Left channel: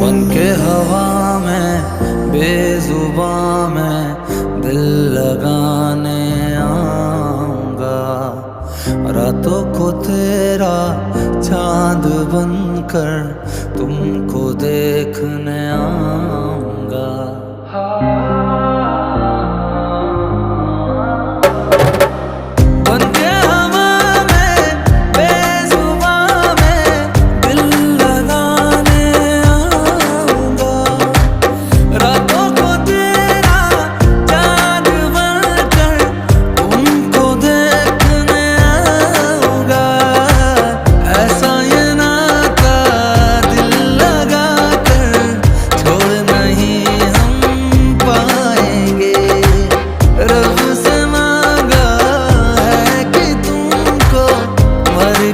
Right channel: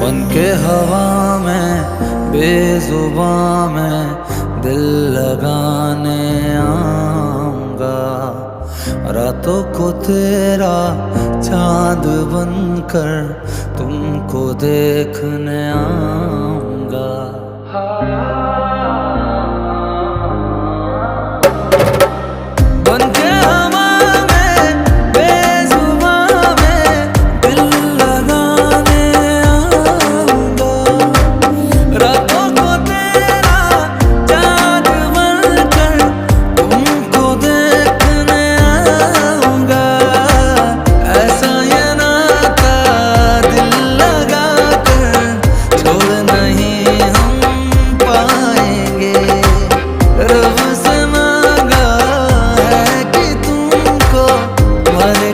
बन के हवा में बेजुबां में दिल लगाने आऊंगा। रातों को तेरा चांद बनकर तुमको देखने आऊंगा।